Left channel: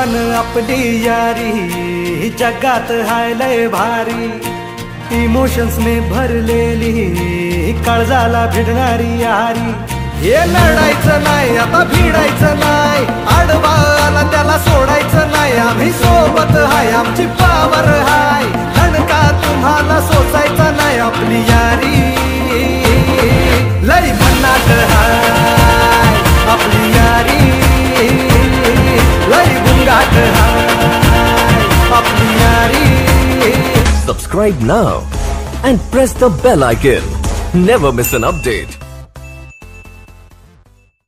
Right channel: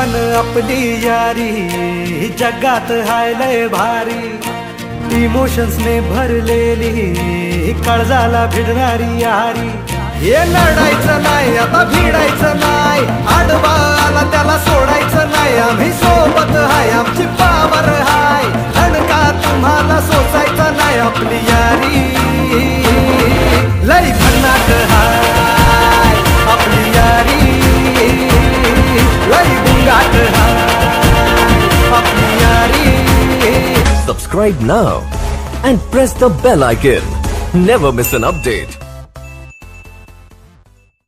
पण आपली यारी जगात हाय लय भारी, इमोशन्स ने भरलेली काळजाला भिडणारी यारी। हे नडायचं नाही आता भिडायचं नाही, आडवा आला त्याला सोडायचं नाही, आम्ही सोबत हाय आमची पावर हाय, धडका तुम्हाला सोसायचा नाही, आपली यारी लय भन्नाट हाय, आपली यारी लय बुंगाट हाय, आपली यारी। Subscribe now and press the bell icon. Never miss an update.